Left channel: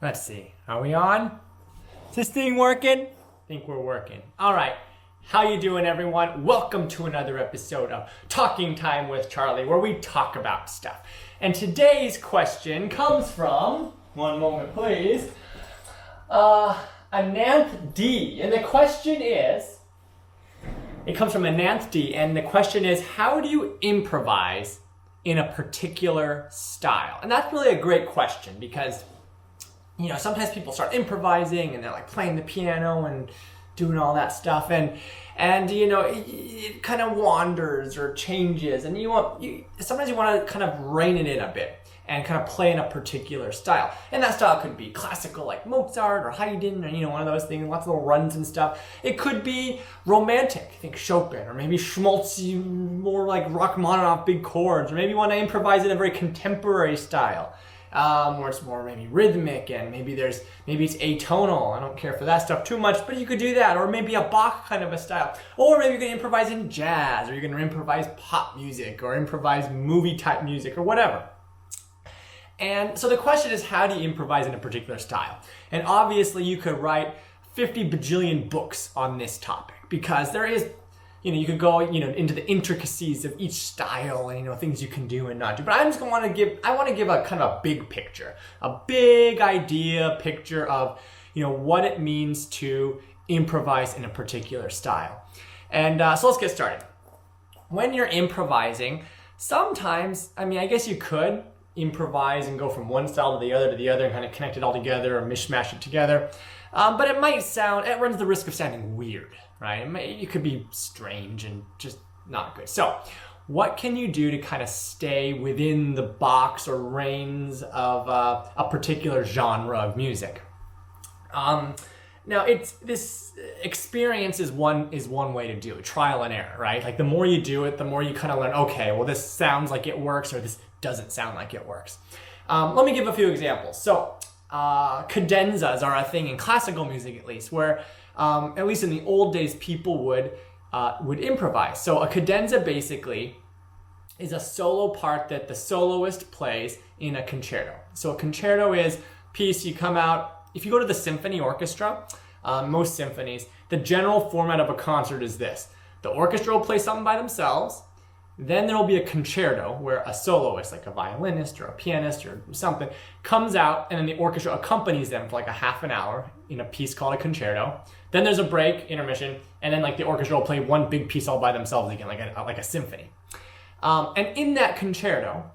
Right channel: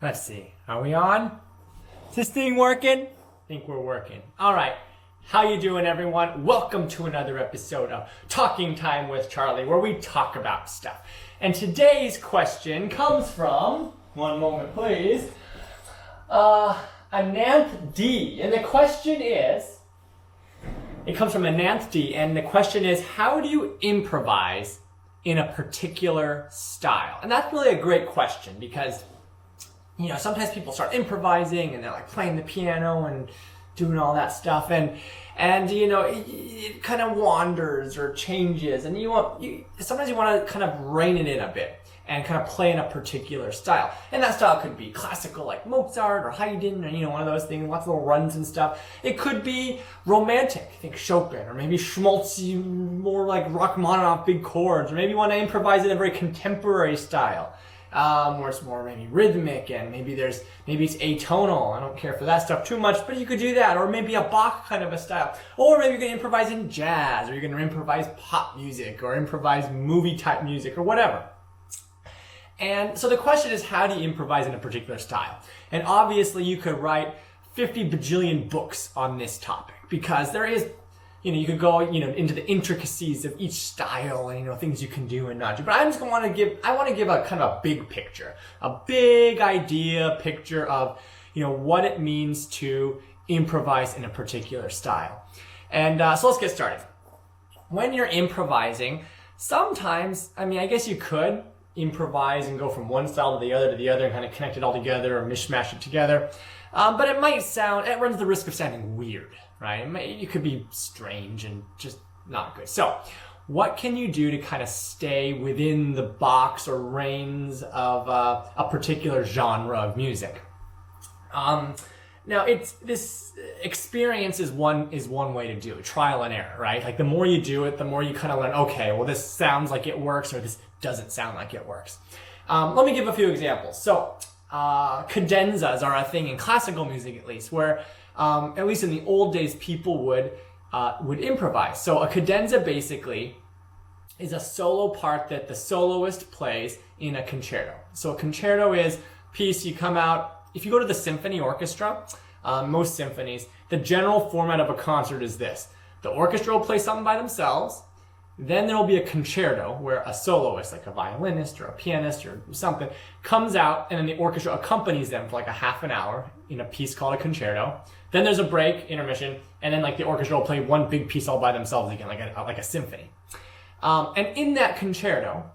Let's see. Are we on? Is this thing working? I think we're working. All right. How you doing, everyone? Welcome to another episode of Talking Time with Charlie, where we talk about stuff. And today's question comes from, one moment please, Ananth D. And the question is, it comes from Ananth D. And the question is, how do you improvise in a particular style? And that's really a great question because, you know, sometimes people start improvising and they're like playing the piano and doing all that stuff, and you know, it kind of wanders or changes, and sometimes you want to kind of rein it in a bit and kind of play in a particular style. And that style could be classical like Mozart or Haydn, or, you know, one of those things, lots of little runs and stuff. It could be romantic, think Chopin, or maybe Schmaltzy, more like Rachmaninoff, big chords, or maybe you want to improvise in a very contemporary style. Where it's more maybe rhythmic, and maybe it's atonal. I don't care for that stuff too much, but you could do that. Or maybe a Bach kind of a style. Or maybe you're going to improvise in jazz, or you're going to improvise pop music, or improvise movie type music, or whatever. And so the question is, how do you improvise in a particular style? And obviously you could write 50 bajillion books on this topic, because there is, you know, you could go, you know, into the intricacies of each style and, you know, things you can do and not do. But I want to give a kind of a big picture, a big idea picture of, you know, what it means to improvise in a particular style. And so let's get started. When you're improvising, sometimes, I mean, I guess you could improvise and go from one style to the other and kind of connect it all together or mishmash it together. But it runs the risk of sounding weird, right? It could be strange and just not good. So what can you do to kind of stay within the box or reins of a particular genre of music? Now, this experience is one way to do it, trial and error, right? Like the more you do it, the more you kind of learn, okay, well, this sounds like it works, or this doesn't sound like it works. Let me give a few examples. So cadenzas are a thing in classical music, at least, where at least in the old days, people would improvise. So a cadenza basically is a solo part that the soloist plays in a concerto. So a concerto is a piece you come out. If you go to the symphony orchestra, most symphonies, the general format of a concert is this: the orchestra will play something by themselves. Then there will be a concerto where a soloist, like a violinist or a pianist or something, comes out, and then the orchestra accompanies them for like a half an hour in a piece called a concerto. Then there's a break, intermission, and then like the orchestra will play one big piece all by themselves again, like a symphony. And in that concerto,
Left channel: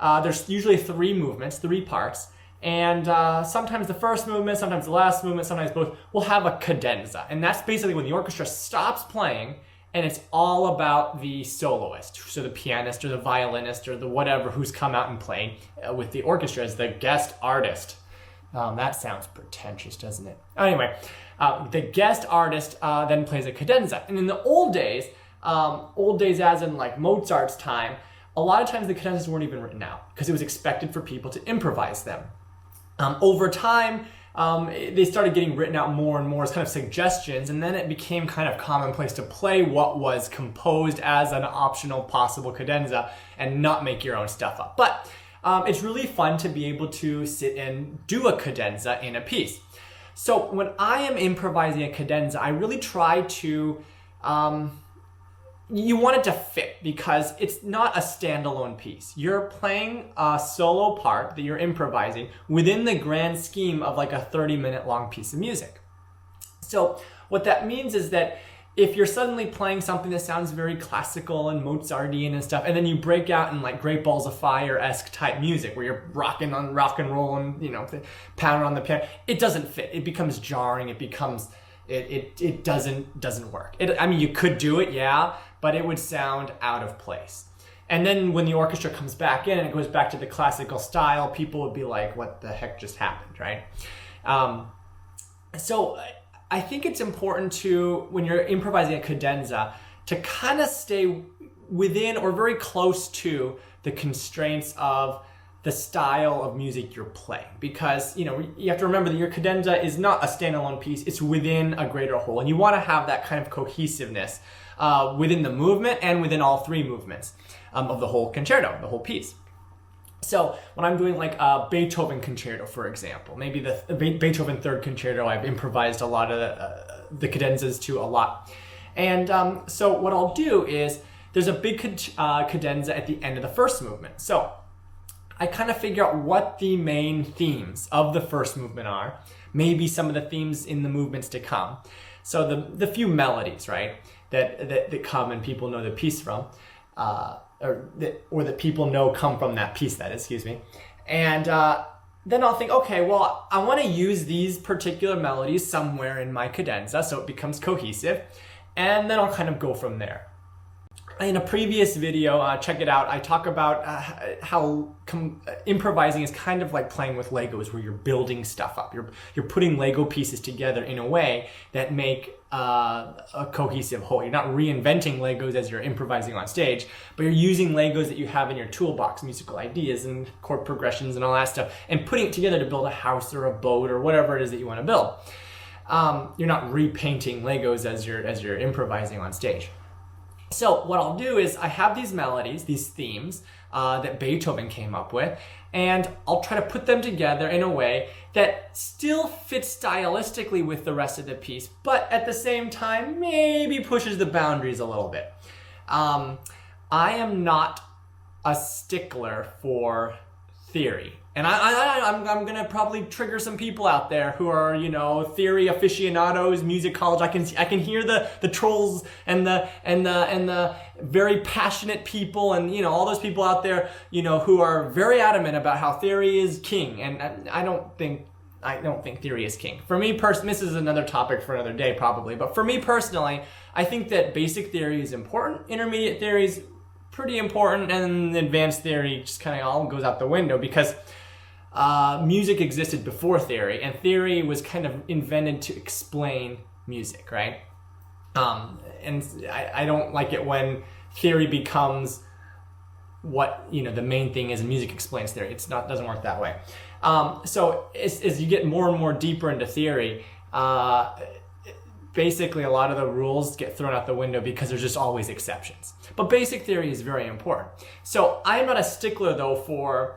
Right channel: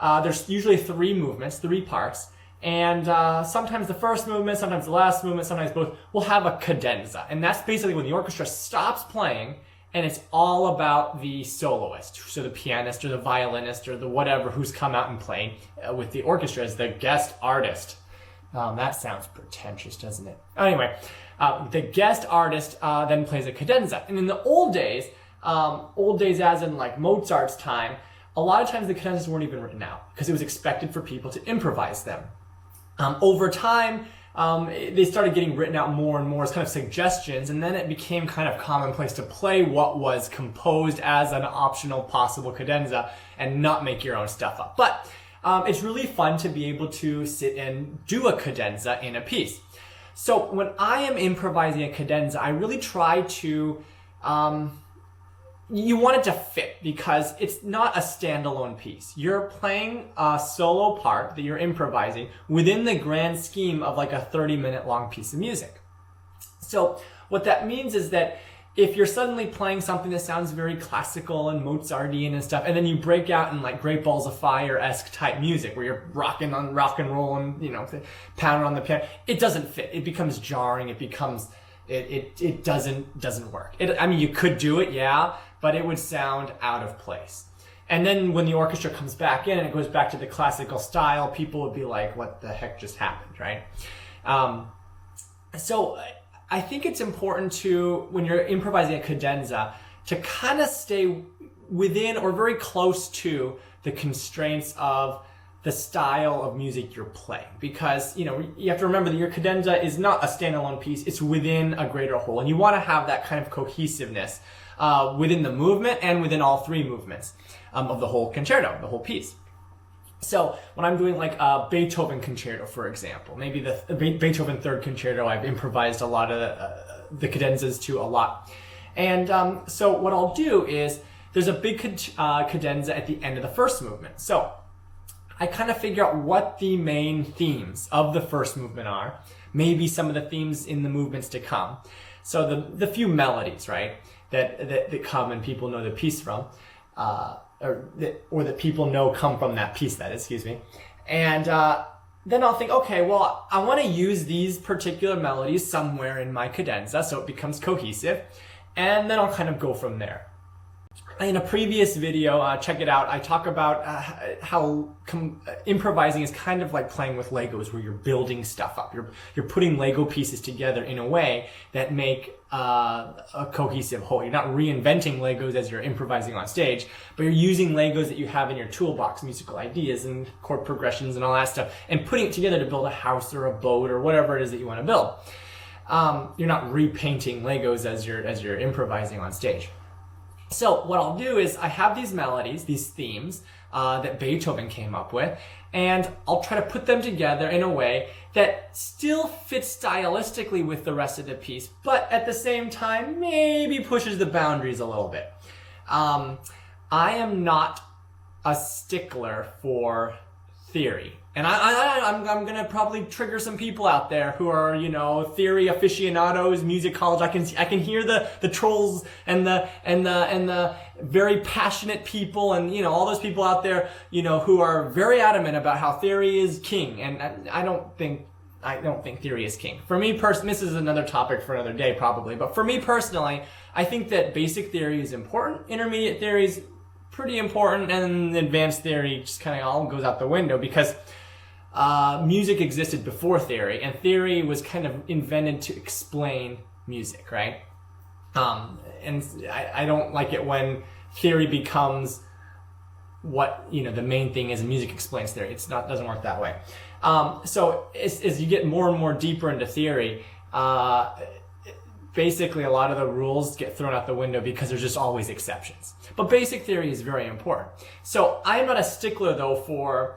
there's usually three parts, and sometimes the first movement, sometimes the last movement, sometimes both, will have a cadenza. And that's basically when the orchestra stops playing, and it's all about the soloist, so the pianist or the violinist or the whatever who's come out and played with the orchestra as the guest artist. That sounds pretentious, doesn't it? Anyway, the guest artist then plays a cadenza. And in the old days as in like Mozart's time, a lot of times the cadenzas weren't even written out because it was expected for people to improvise them. Over time, they started getting written out more and more as kind of suggestions, and then it became kind of commonplace to play what was composed as an optional possible cadenza and not make your own stuff up. But it's really fun to be able to sit and do a cadenza in a piece. So when I am improvising a cadenza, I really try to you want it to fit, because it's not a standalone piece. You're playing a solo part that you're improvising within the grand scheme of like a 30-minute long piece of music. So what that means is that if you're suddenly playing something that sounds very classical and Mozartian and stuff, and then you break out in like Great Balls of Fire-esque type music where you're rocking on rock and roll and, you know, pounding on the piano, it doesn't fit. It becomes jarring. It becomes it doesn't work. I mean, you could do it, yeah, but it would sound out of place. And then when the orchestra comes back in and it goes back to the classical style, people would be like, what the heck just happened, right? So I think it's important to, when you're improvising a cadenza, to kind of stay within or very close to the constraints of the style of music you're playing, because, you know, you have to remember that your cadenza is not a standalone piece, it's within a greater whole, and you want to have that kind of cohesiveness within the movement and within all three movements of the whole concerto, the whole piece. So when I'm doing like a Beethoven concerto, for example, maybe the Beethoven third concerto, I've improvised a lot of the cadenzas to a lot. And so what I'll do is there's a big cadenza at the end of the first movement. So I kind of figure out what the main themes of the first movement are, maybe some of the themes in the movements to come. So the few melodies, right, that come and people know the piece from, or that people know come from that piece, that is, excuse me. And then I'll think, okay, well, I want to use these particular melodies somewhere in my cadenza so it becomes cohesive, and then I'll kind of go from there. In a previous video, check it out, I talk about how improvising is kind of like playing with Legos, where you're building stuff up. You're putting Lego pieces together in a way that make a cohesive whole. You're not reinventing Legos as you're improvising on stage, but you're using Legos that you have in your toolbox, musical ideas and chord progressions and all that stuff, and putting it together to build a house or a boat or whatever it is that you want to build. You're not repainting Legos as you're improvising on stage. So what I'll do is I have these melodies, these themes that Beethoven came up with, and I'll try to put them together in a way that still fits stylistically with the rest of the piece, but at the same time maybe pushes the boundaries a little bit. I am not a stickler for theory. And I'm going to probably trigger some people out there who are, you know, theory aficionados, music college. I can hear the trolls and the very passionate people, and, you know, all those people out there, you know, who are very adamant about how theory is king. And I don't think theory is king. For me personally, this is another topic for another day probably, but for me personally, I think that basic theory is important, intermediate theory is pretty important, and advanced theory just kind of all goes out the window, because music existed before theory, and theory was kind of invented to explain music, right? And I don't like it when theory becomes what, you know, the main thing is music explains theory. Doesn't work that way. So as you get more and more deeper into theory, basically a lot of the rules get thrown out the window because there's just always exceptions. But basic theory is very important. So I'm not a stickler though for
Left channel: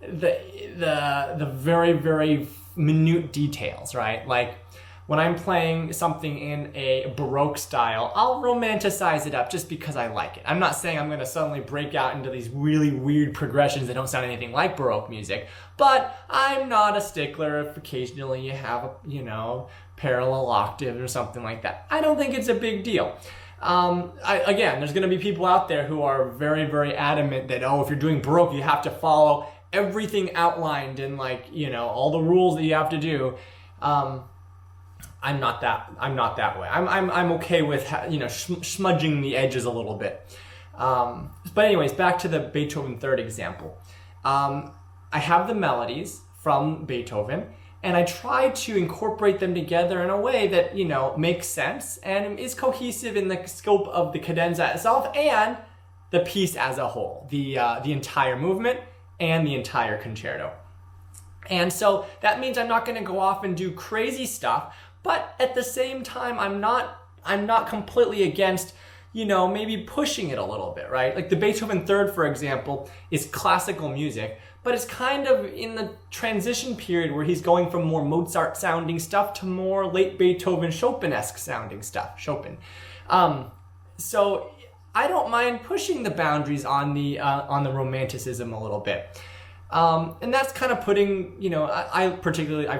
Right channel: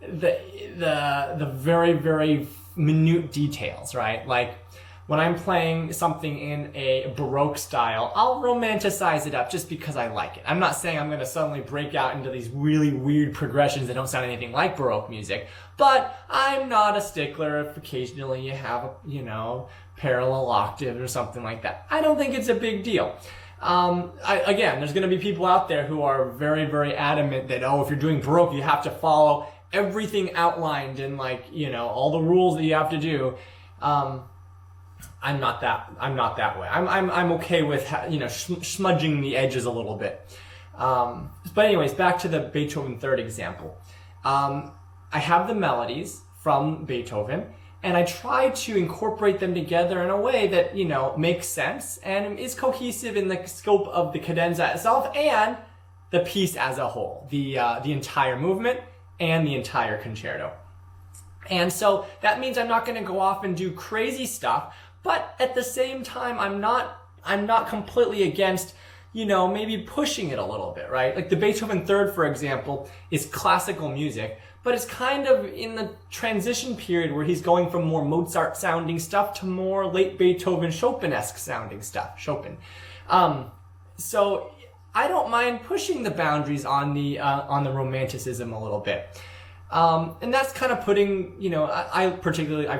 the very, very minute details, right? Like when I'm playing something in a Baroque style, I'll romanticize it up just because I like it. I'm not saying I'm going to suddenly break out into these really weird progressions that don't sound anything like Baroque music, but I'm not a stickler if occasionally you have a, you know, parallel octave or something like that. I don't think it's a big deal. Again, there's going to be people out there who are very, very adamant that, oh, if you're doing Baroque, you have to follow everything outlined and, like, you know, all the rules that you have to do. I'm not that way. I'm okay with, you know, smudging the edges a little bit. But anyways, back to the Beethoven third example. I have the melodies from Beethoven, and I try to incorporate them together in a way that, you know, makes sense and is cohesive in the scope of the cadenza itself and the piece as a whole, the entire movement and the entire concerto. And so that means I'm not going to go off and do crazy stuff, but at the same time, I'm not completely against, you know, maybe pushing it a little bit, right? Like the Beethoven third, for example, is classical music, but it's kind of in the transition period where he's going from more Mozart sounding stuff to more late Beethoven Chopin-esque sounding stuff, Chopin. So I don't mind pushing the boundaries on the romanticism a little bit. And that's kind of putting, you know, I've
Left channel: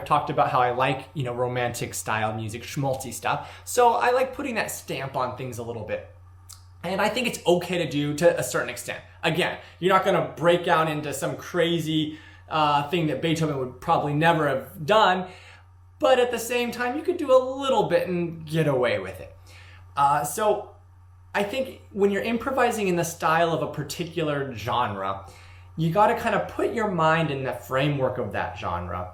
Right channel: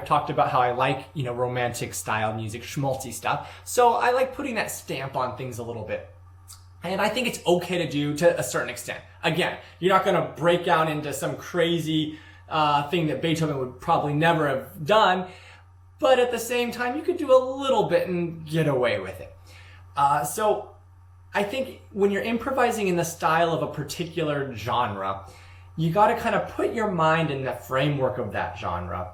talked about how I like, you know, romantic style music, schmaltzy stuff. So I like putting that stamp on things a little bit. And I think it's okay to do to a certain extent. Again, you're not going to break out into some crazy thing that Beethoven would probably never have done. But at the same time, you could do a little bit and get away with it. So I think when you're improvising in the style of a particular genre, you got to kind of put your mind in the framework of that genre.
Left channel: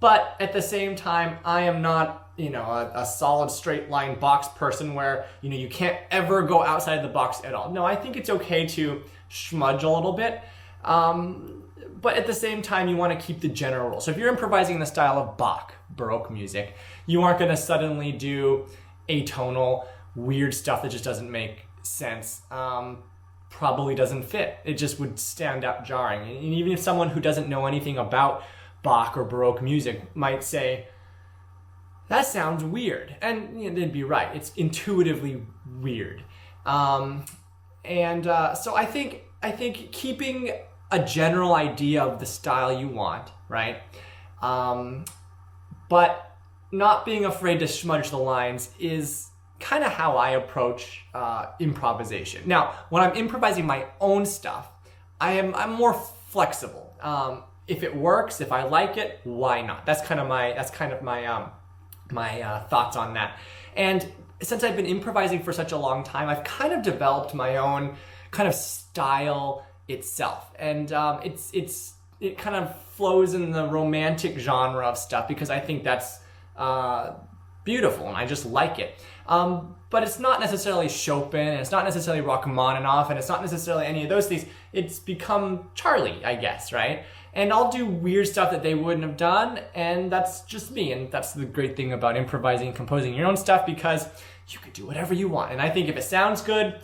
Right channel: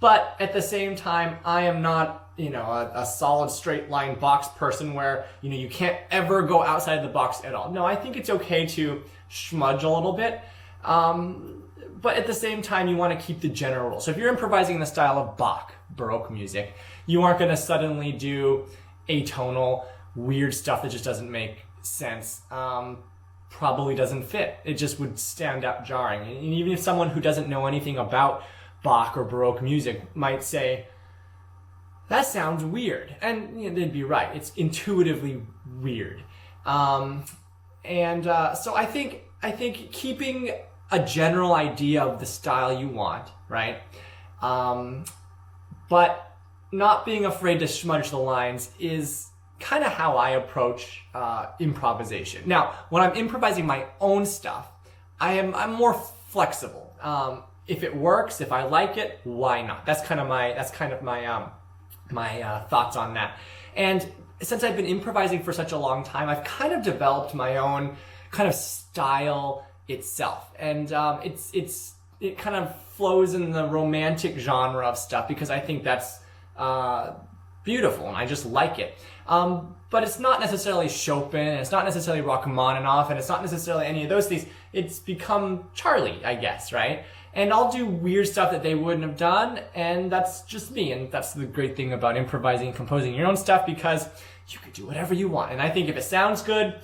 But at the same time, I am not, you know, a solid straight line box person where, you know, you can't ever go outside the box at all. No, I think it's okay to smudge a little bit. But at the same time, you want to keep the general rule. So if you're improvising in the style of Bach, Baroque music, you aren't going to suddenly do atonal, weird stuff that just doesn't make sense. probably doesn't fit. It just would stand out jarring. And even if someone who doesn't know anything about Bach or Baroque music might say, that sounds weird. And they'd be right. It's intuitively weird. So I think keeping a general idea of the style you want, right? But not being afraid to smudge the lines is kind of how I approach improvisation. Now, when I'm improvising my own stuff, I'm more flexible. If it works, if I like it, why not? That's kind of my thoughts on that. And since I've been improvising for such a long time, I've kind of developed my own kind of style itself, and it kind of flows in the romantic genre of stuff because I think that's beautiful and I just like it. But it's not necessarily Chopin, and it's not necessarily Rachmaninoff, and it's not necessarily any of those things. It's become Charlie, I guess, right? And I'll do weird stuff that they wouldn't have done, and that's just me. And that's the great thing about improvising and composing your own stuff, because you can do whatever you want. And I think if it sounds good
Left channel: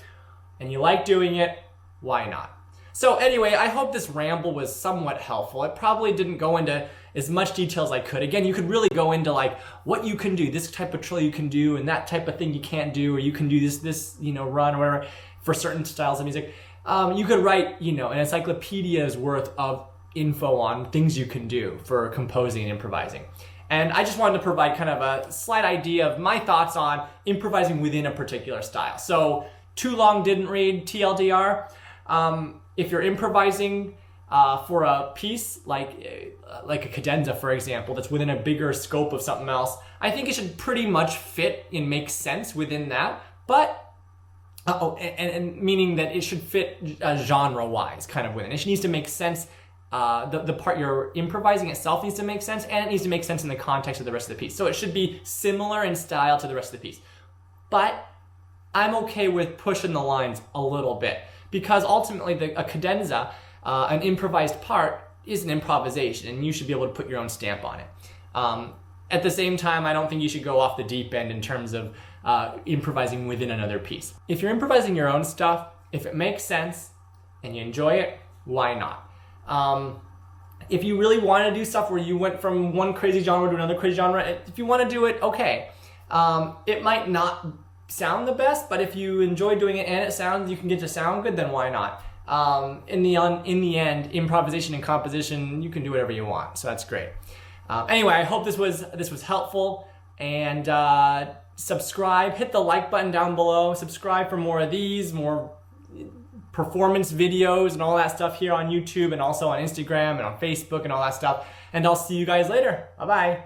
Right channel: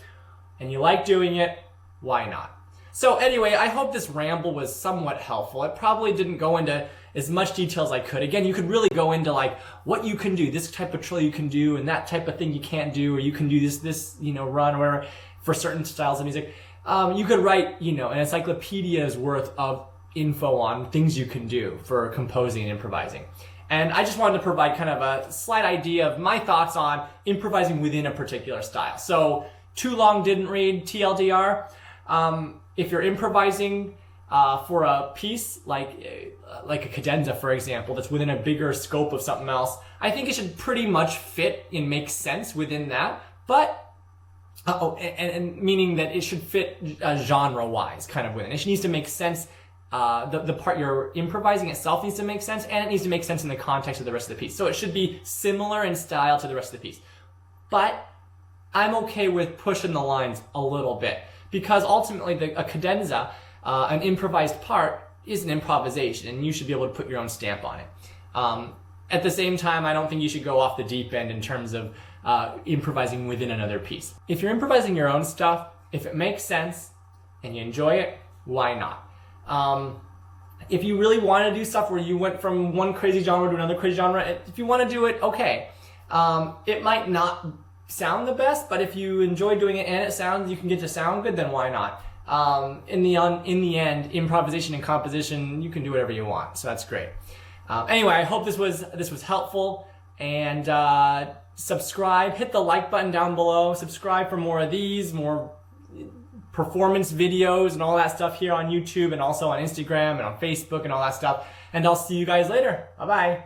and you like doing it, why not? So anyway, I hope this ramble was somewhat helpful. It probably didn't go into as much detail as I could. Again, you could really go into like what you can do, this type of trill you can do, and that type of thing you can't do, or you can do this run where for certain styles of music. You could write, an encyclopedia's worth of info on things you can do for composing and improvising. And I just wanted to provide kind of a slight idea of my thoughts on improvising within a particular style. So too long didn't read, TLDR. If you're improvising for a piece like a cadenza, for example, that's within a bigger scope of something else, I think it should pretty much fit and make sense within that. But and meaning that it should fit genre-wise, kind of within. It needs to make sense. The part you're improvising itself needs to make sense, and it needs to make sense in the context of the rest of the piece. So it should be similar in style to the rest of the piece. But I'm okay with pushing the lines a little bit, because ultimately a cadenza, an improvised part, is an improvisation, and you should be able to put your own stamp on it. At the same time, I don't think you should go off the deep end in terms of improvising within another piece. If you're improvising your own stuff, if it makes sense and you enjoy it, why not? If you really want to do stuff where you went from one crazy genre to another crazy genre, if you want to do it, okay. It might not sound the best, but if you enjoy doing it and you can get to sound good, then why not? In the end, improvisation and composition, you can do whatever you want, so that's great. Anyway, I hope this was helpful, and subscribe, hit the like button down below, subscribe for more of these, more performance videos and all that stuff here on YouTube, and also on Instagram and on Facebook and all that stuff, and I'll see you guys later. Bye-bye.